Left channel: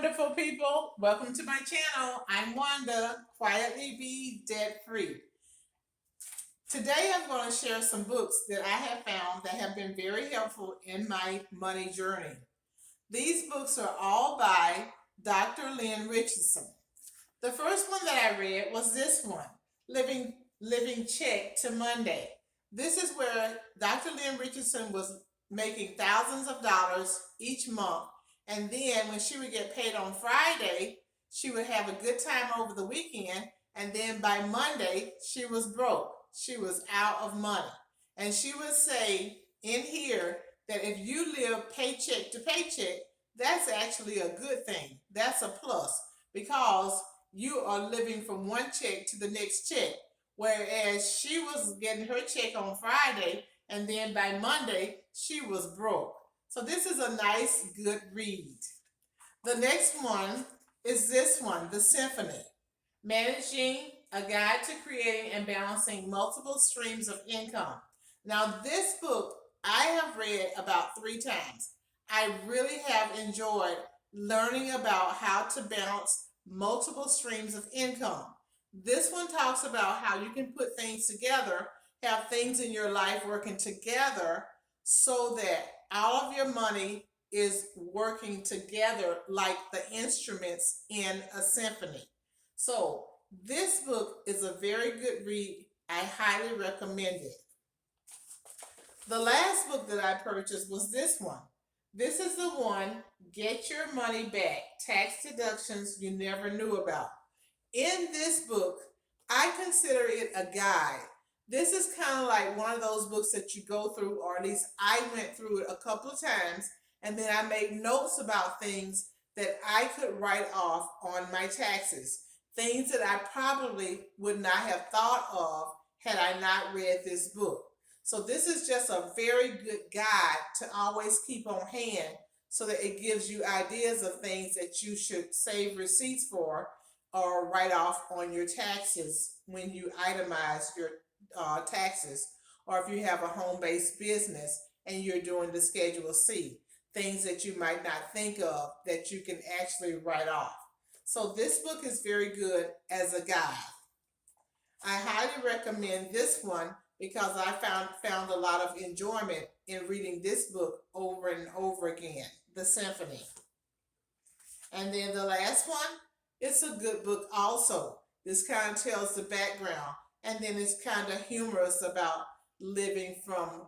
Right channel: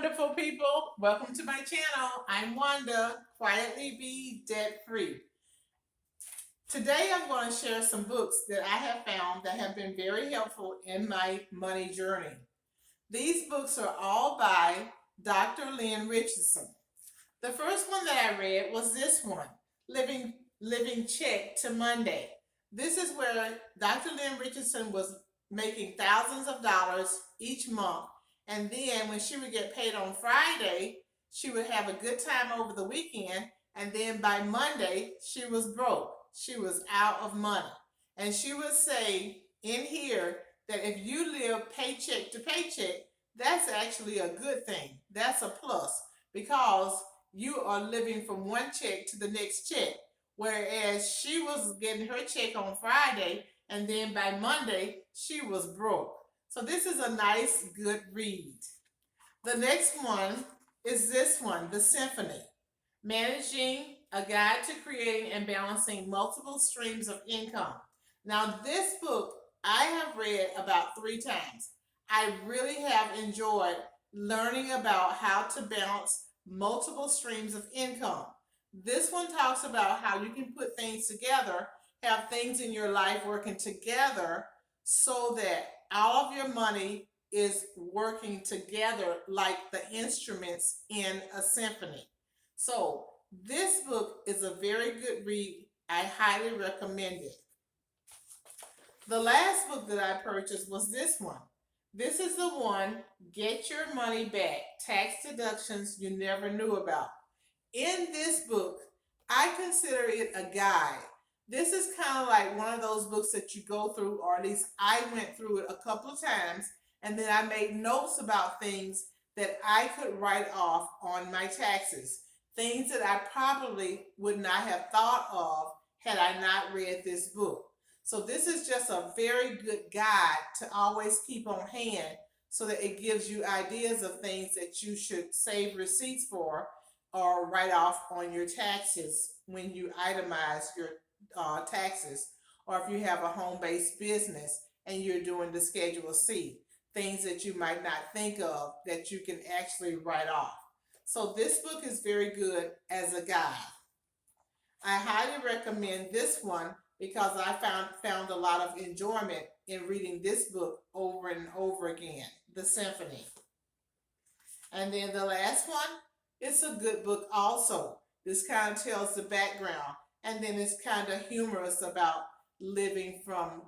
wonderful people. Welcome to my channel. I'm Wanda, Quietly Be Debt Free. Today I'm going to share some books that I have found that have been very helpful in my money journey. These books are all by Dr. Lynn Richardson. The first one that I read was this one, Living Check to Monday. This is where Dr. Lynn Richardson was making thousands of dollars each month. And then when she would get paid on Friday, she would have a good time over the weekend. And then by Monday, she was broke. She was out of money. And she would say in here that if you live paycheck to paycheck, that's actually a good thing. That's a plus because you are living from one check to the next check. Whereas she was getting her check on Friday and then by Monday, she was broke. So this is a nice, good read. The next one is this one, The Symphony, Managing a Guide to Creating and Balancing Multiple Streams of Income. Now this book I have read about 3 times. I really have enjoyed learning about how to balance multiple streams of income. This one talks about how you can put things together, have things in your life working together so that all of your money is working together like the instruments in a symphony. So this book is a very good read. I highly recommend it. The last book that I purchased was this one. This is the one, Get Your Money Back, Tax Deductions You Never Knew About. In this book, I consider it a guide. This is kind of like one of those books that you go through, or at least I went through it a couple of times, and then I made notes about things that I could write off on my taxes, things that I probably would not have thought of had I not read this book. So this is just a very good guide to always keep on hand so that it gives you ideas of things that you should save receipts for or write off on your taxes when you itemize your taxes, or if you have a home-based business and you're doing the Schedule C, things that you might not think of that you can actually write off. So this book is very good as a guide. I highly recommend this one because I found a lot of enjoyment in reading this book over and over again, The Symphony. And then the last one, it's a good book also. This kind of tells the background, and then it's kind of humorous about living from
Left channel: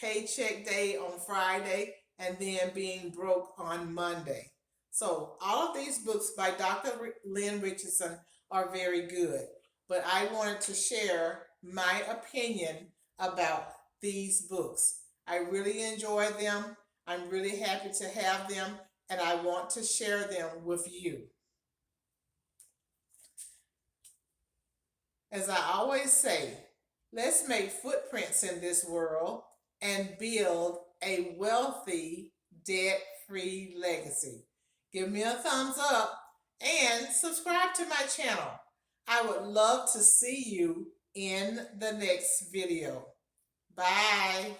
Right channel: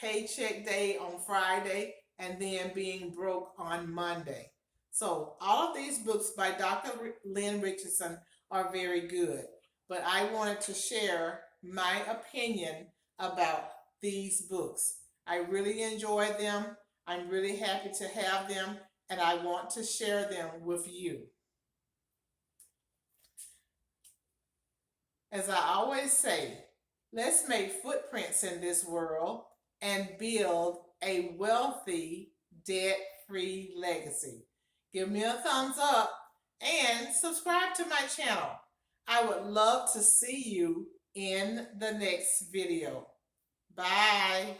paycheck day on Friday and then being broke on Monday. So all of these books by Dr. Lynn Richardson are very good, but I wanted to share my opinion about these books. I really enjoy them. I'm really happy to have them, and I want to share them with you. As I always say, let's make footprints in this world and build a wealthy, debt-free legacy. Give me a thumbs up and subscribe to my channel. I would love to see you in the next video. Bye.